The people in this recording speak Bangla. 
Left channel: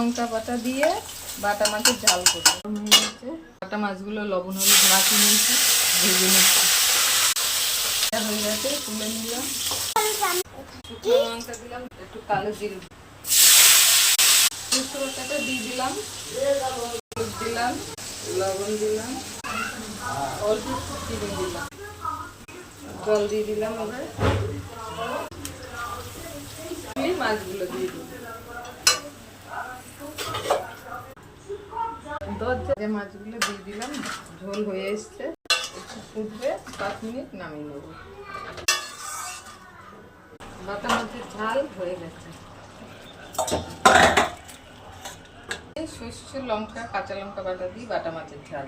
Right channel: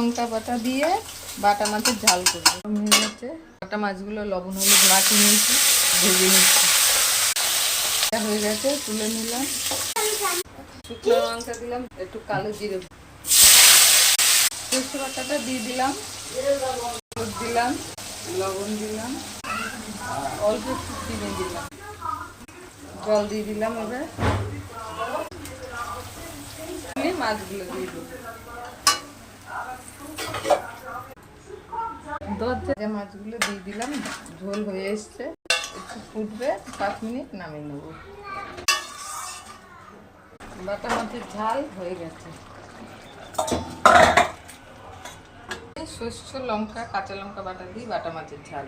লঙ্কা বাটা দিয়ে বাটা মাছের ঝাল করবো। বাটা মাছগুলো লবণ হলুদ মাখিয়ে নিয়েছি, ভেজে নিচ্ছি। হয়ে গেছে, তুলে নিলাম। শুকনো লঙ্কা দিলাম, একটু কালো জিরে, সরষে বাটাটা দিয়ে দিলাম, হলুদ দিলাম, লবণ দিলাম, অল্প একটু চিনি দিলাম, জল দিয়ে দিলাম। এবার মাছগুলো দিয়ে দিলাম। মাছগুলো দিয়ে দিলাম, ঝোল হয়ে এসছে, একটু ফুটবে, 5 মিনিট নামিয়ে নেব। বাটা মাছের ঝাল হয়ে গেছে। সরষে লঙ্কা কাঁচা লঙ্কা বাটা দিই বাটা মাছের ঝাল।